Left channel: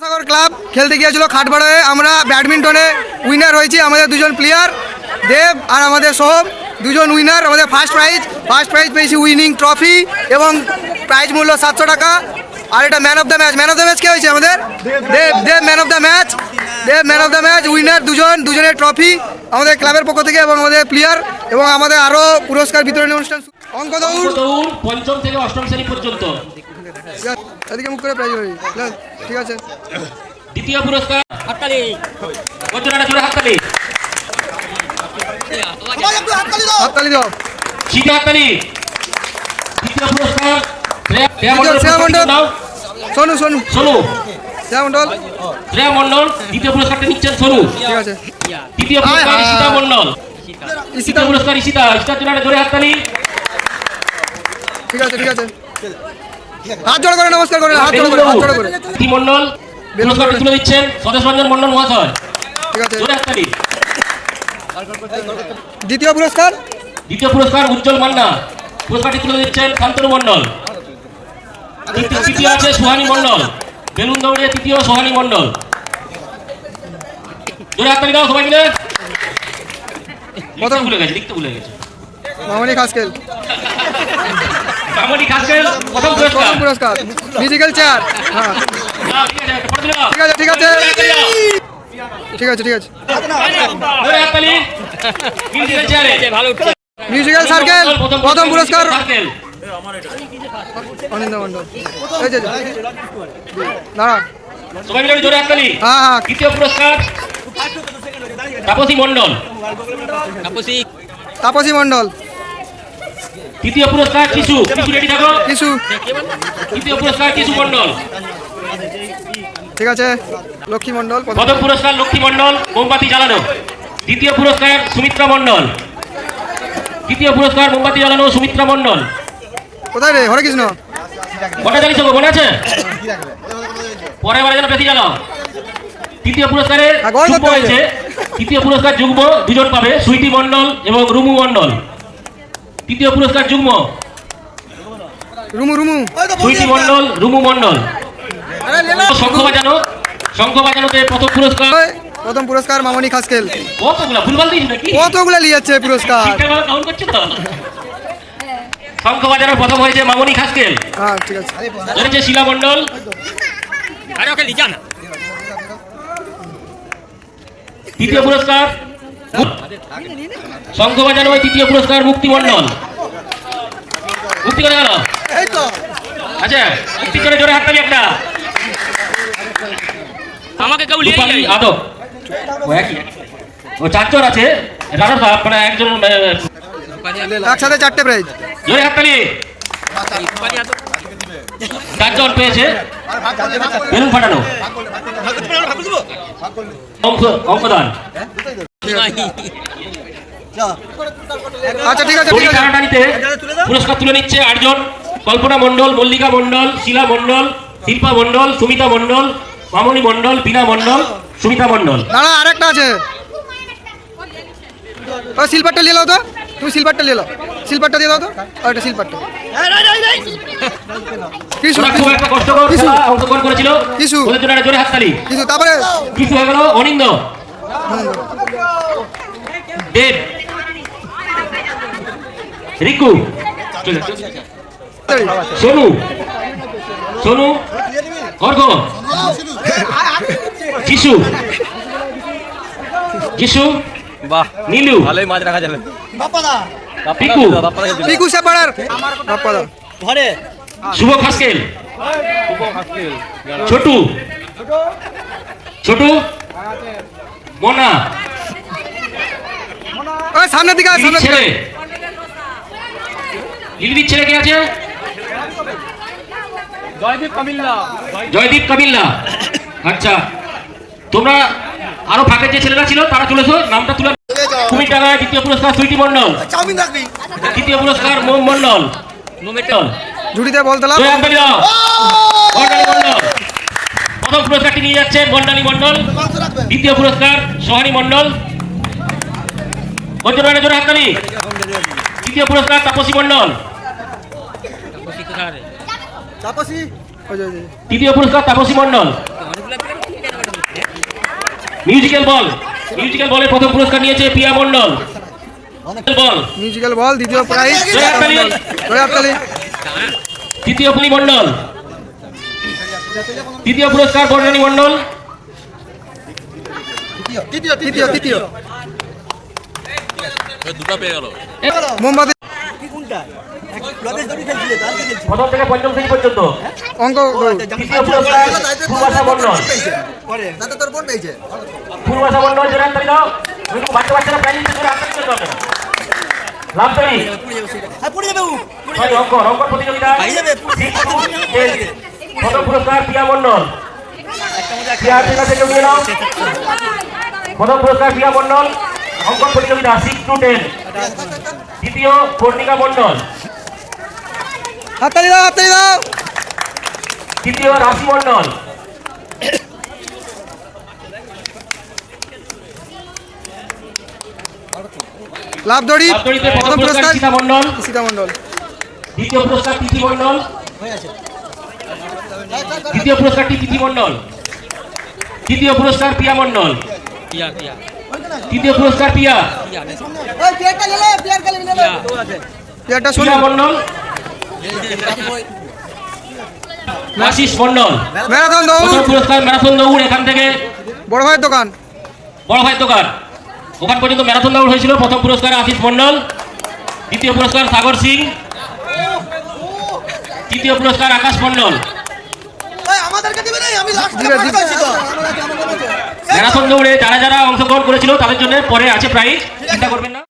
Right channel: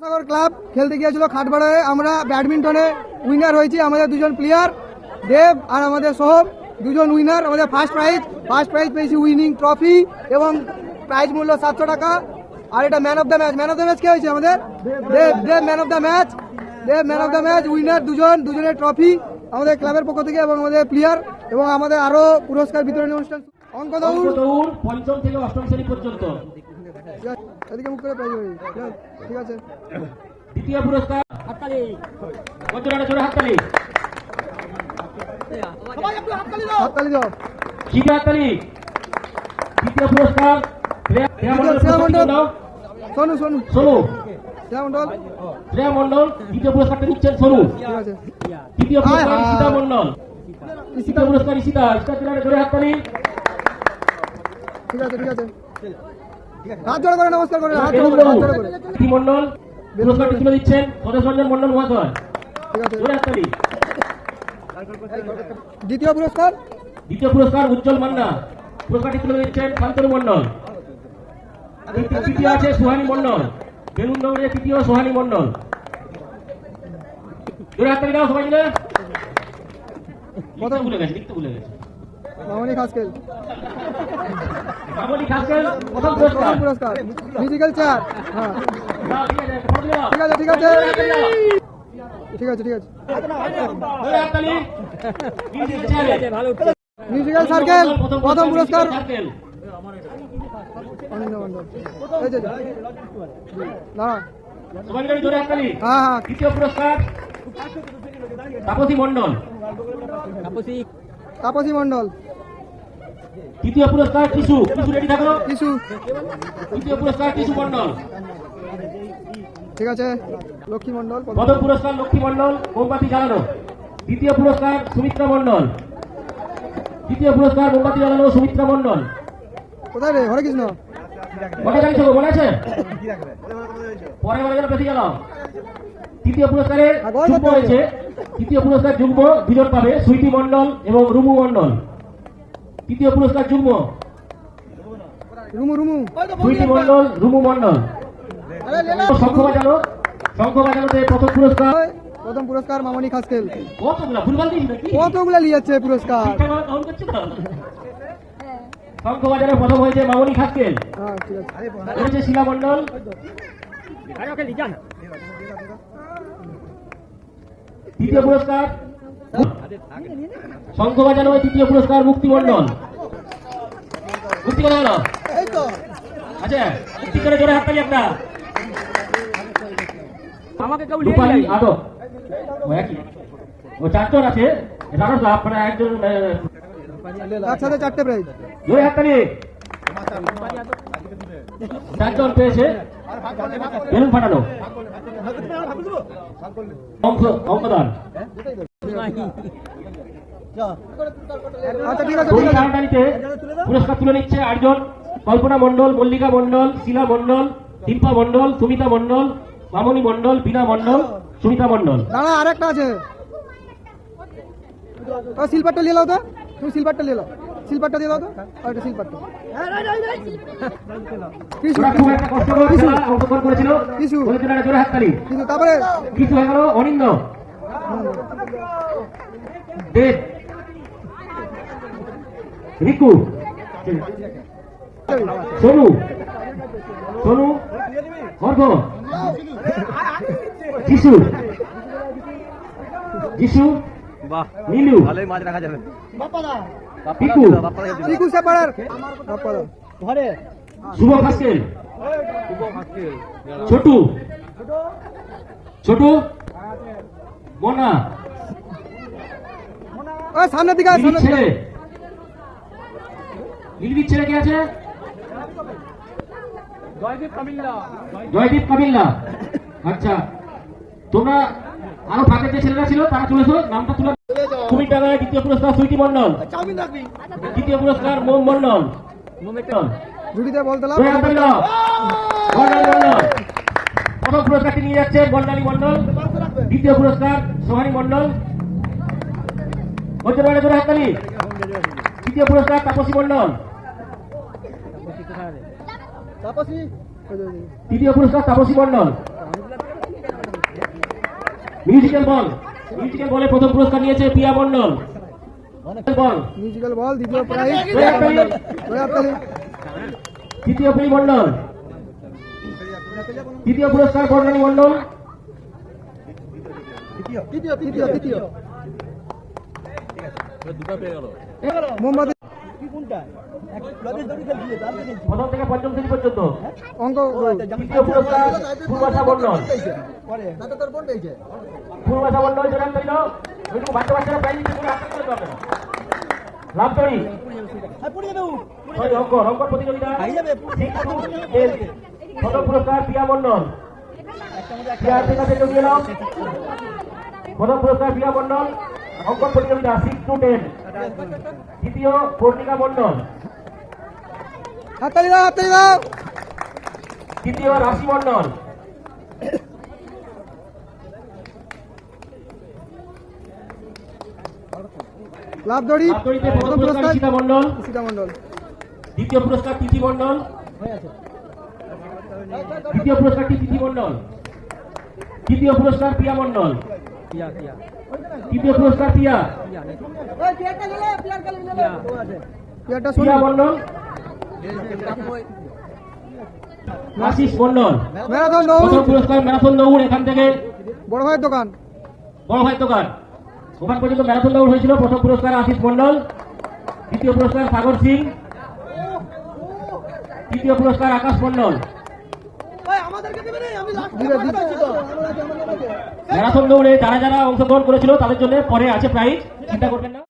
সাগর club খেলতে গিয়েছিল খাটবাড়ায় আমরা ব্যাডমিন্টনে উইনার হয়েছি, আমাদের দুজন প্লেয়ার দেব আর আমাদের সোহম দুজন উইনার আমাদের ফার্স্ট প্রাইজ ফার্স্ট প্রাইজ পেয়েছি উইনিং ট্রফি এবং প্রাইজ মূল্য সাতশো টাকা। আর এটা man of the match man of the match কে হয়েছে আমাদের? Dev Dev man of the match Dev man of the match winner দুজন, দুজনের ট্রফি আমাদের ক্লাবের পক্ষ থেকে এবং আমাদের প্লেয়ার এবং আমাদের আরও পুরস্কার বিতরণী অনুষ্ঠান অঙ্ক দৌড় দৌড় পঞ্চম থেকে অষ্টম শ্রেণি পর্যন্ত। এদিকে মুখ করে প্রাইজ হয়ে ঠিক আছে। দ্বিতীয় পুরস্কার। হাততালি। বজ্রনাটা জোরে হাততালি। হাততালি দাও। শীতে হাততালি। দ্বিতীয় পুরস্কার। শ্রেয়া- শ্রেয়া দ্বিতীয় শ্রেয়া। নাও। সোনু সোনু। সোনু। শ্যাম মন্ডল শ্রেয়া মণ্ডল দ্বিতীয় পুরস্কারটা নিচ্ছেন সোনু। ঠিক আছে। তৃতীয় পুরস্কার ঈশিতা। মণ্ডল। তৃতীয় পুরস্কার ঈশিতা। ঈশিতার জন্য একটা জোরে হাততালি। ঠিক আছে ঠিক আছে। হাত জোড় করে নমস্কার করে হাত জোড় করে হাত জোড় করে। তি মণ্ডল পুরস্কারটা তুলে দিচ্ছেন স্বদেশ রঞ্জন মণ্ডল মহাশয়। ঠিক আছে। জোরে হাততালি। দ্বিতীয় পুরস্কার? দ্বিতীয় পুরস্কার উজ্জ্বল মান্না। পুরস্কারটি তুলে দিচ্ছেন শান্তনু মণ্ডল তৃতীয়- তৃতীয় আছে সোহানী মণ্ডল বেলুন দৌড়ে তৃতীয় সোহানী মণ্ডল জোরে হাততালি দাও সবাই মিলে। লিখতে ভুলে গেছে লিখতে ভুলে গেছে। মামনি খাসকেল। প্রথম পুরস্কার। প্রথম পুরস্কার। মিউজিক্যাল চেয়ার হ্যাঁ। ঠিক আছে। ঠিক আছে, ঠিক আছে। ঠিক আছে। মিউজিক্যাল সার্কেল প্রথম পুরস্কার। অনিন্দা মন্ডল এই যে যে। দাঁড়া। সবাই মিলে জোরে হাততালি হ্যাঁ হ্যাঁ। দ্বিতীয় পুরস্কার তাপসী মণ্ডল। তাপসী। তাপসী মন্ডল তৃতীয় পুরস্কার কিশু কিশু রেডি থাকো। কিছু তৃতীয় পুরস্কার কিশু মণ্ডল। ঠিক আছে। লক্ষ্মী মন্ডল প্রথম। পুরস্কার লক্ষ্মী মণ্ডল মোমবাতি জ্বালানো। দ্বিতীয় পুরস্কার সুমিত্রা মণ্ডল। তৃতীয় পুরস্কার মোমবাতি জ্বালানো সুমিত্রা মণ্ডল। কোথায় রে? হরে কৃষ্ণ। মনে জানিস মনে আছে? পরের বারে যেন বেশি জানাও তৃতীয় পুরস্কারে হ্যাঁ, যুগ্ম হয়েছে। তৃতীয় পুরস্কার যুগ্ম দুজন পাবে সুইটি মন্ডল এবং রুমু মণ্ডল। তৃতীয় পুরস্কার যুগ্ম। রুমু রুমু। সুইটি মণ্ডল রুমু মণ্ডল। শঙ্খ বাজানো শঙ্খ বাজানোতে প্রথম পুরস্কার। প্রথম পুরস্কার মামনি খাসকেল। কতগুলা? ভুলভাল দিয়েছি নাকি? কতগুলো যাচ্ছে পুরস্কার? ঠিকঠাকভাবে কাউন্ট করছ তো? শঙ্খ বাজানোর প্রথম হয়েছে মামনি খাসকেল। হ্যাঁ ঠিক আছে। হয়েছে শিলা মণ্ডল। আরে ওকে লিজা না। তৃতীয় পুরস্কার শঙ্খ বাজানো তৃতীয় পুরস্কার মুক্তি মণ্ডল মুক্তি করে গেল আচ্ছা মুক্তি করে জোরে হাততালি একটা। আমাকে কেউ যাই আদব। ও চারজন আছে। রানার বাপ মানে একজন একসাথে চারটে প্রাইজ জোরে হাততালি চারজন পেয়েছে। বেলুন ফাটানো। অঙ্ক অঙ্কদান আচ্ছা ঠিক আছে পুরস্কার তুলে নিচ্ছে আটজন। কল্পনা মণ্ডল মল্লিকা মণ্ডল শিলা মণ্ডল শিল্পা মণ্ডল সুমিতা মণ্ডল মামনি মণ্ডল বিনা মণ্ডল সুমিতা মণ্ডল। দাঁড়া আরেকটা আছে। ও সিলভারটা নিয়ে নাও তো। তুমি সিলভারটা নিয়ে নাও। সিলভারটা দিয়ে দাও তো। এটা সিলভারটা কিছু একটা খেলা অংশগ্রহণ করেছিল। কিছু। জোরে হাততালি। কিছু তারপরে? কিছু হয়ে গেল অনিন্দ। দেব রিকু। সোনু সোনু অর্ঘ যিশু যিশু বাহ। নীলু ভালোই মাছ রাখা যাবে। পিকু পিকু সেপাড়ার বাপ্পাদা। ঘরে। শুভ খাসকেল ছোটু ছোটু মোনা। ওই সামনের দিকে সামনের দিকে ছেলে। লিলির ছেলে কে আছে? জয়দীপ কামিল্লা। আচ্ছা তোমরা আরও ফাঁকের যে ছেলেরা ছিল তারা চলেছো নামটা তুলে কুমির টাকায় দ্বিতীয় পুরস্কার সুইটি মন্ডল। তৃতীয় পুরস্কার মোম মন্ডল। মোমেটল ঝুড়িতে বল দিলাম। জয় হাততালি দাও বন্ডালী মন্ডল। প্রথম পুরস্কারটি নিয়ে যাচ্ছে বন্ডালী মন্ডল। দ্বিতীয় পুরস্কার সোহানী মন্ডল। জোরে হাততালি। তৃতীয় পুরস্কার তাপসী মন্ডল। তৃতীয় পুরস্কার Tapasi Mondal. Musical ball musical বলের প্রথম পুরস্কার নিয়েছে পিয়া মন্ডল। বল মিউজিক্যাল বল দ্বিতীয় প্রাইজ। তৃতীয় মন্ডল। তৃতীয় পুরস্কার বর্ণানী মন্ডল তৃতীয় তৃতীয় দুটো পেয়ে গেল। মোমবাতি প্রথম থেকে পঞ্চম শ্রেণি পর্যন্ত। অঙ্ক তৃতীয় করে? অঙ্ক অঙ্ক প্রতিযোগিতা প্রথম পুরস্কার পিয়া মন্ডল। পিয়া থেকে থেকে উঠে নাও প্রথম পুরস্কার পিয়া মন্ডল অঙ্কন প্রতিযোগিতা সিক্স টু টেন দ্বিতীয় কর্ণিকা মন্ডল। হাততালি দাও হাততালি দাও। তৃতীয় রাশি মন্ডল। লাভ দড়ি প্রথম পুরস্কার সীতা মন্ডল। দ্বিতীয় পুরস্কার তিথি মন্ডল। দ্বিতীয় পুরস্কারটি তিথি মন্ডল তৃতীয় পুরস্কার পিয়া মন্ডল পিয়া পিয়া। তৃতীয় পুরস্কার পিয়া। পিয়া মন্ডল আশিস মন্ডল ম্যারাথন প্রথম দৌড় পুরস্কার ম্যারাথন দৌড় এখান থেকে। বড় ভাইয়ের দোকান। বড় ভাই দোকান। ওখান পর্যন্ত ম্যারাথন দৌড় হয়েছিল। প্রথম পুরস্কার আশিস মন্ডল দ্বিতীয় পুরস্কার সাগর সিং। তৃতীয় পুরস্কার আকাশ মন্ডল ম্যারাথন দৌড়ে যারা যারা অংশগ্রহণ করেছিল তাদের জন্য পরে আছে প্রাইজ চিন্তা করবেন না।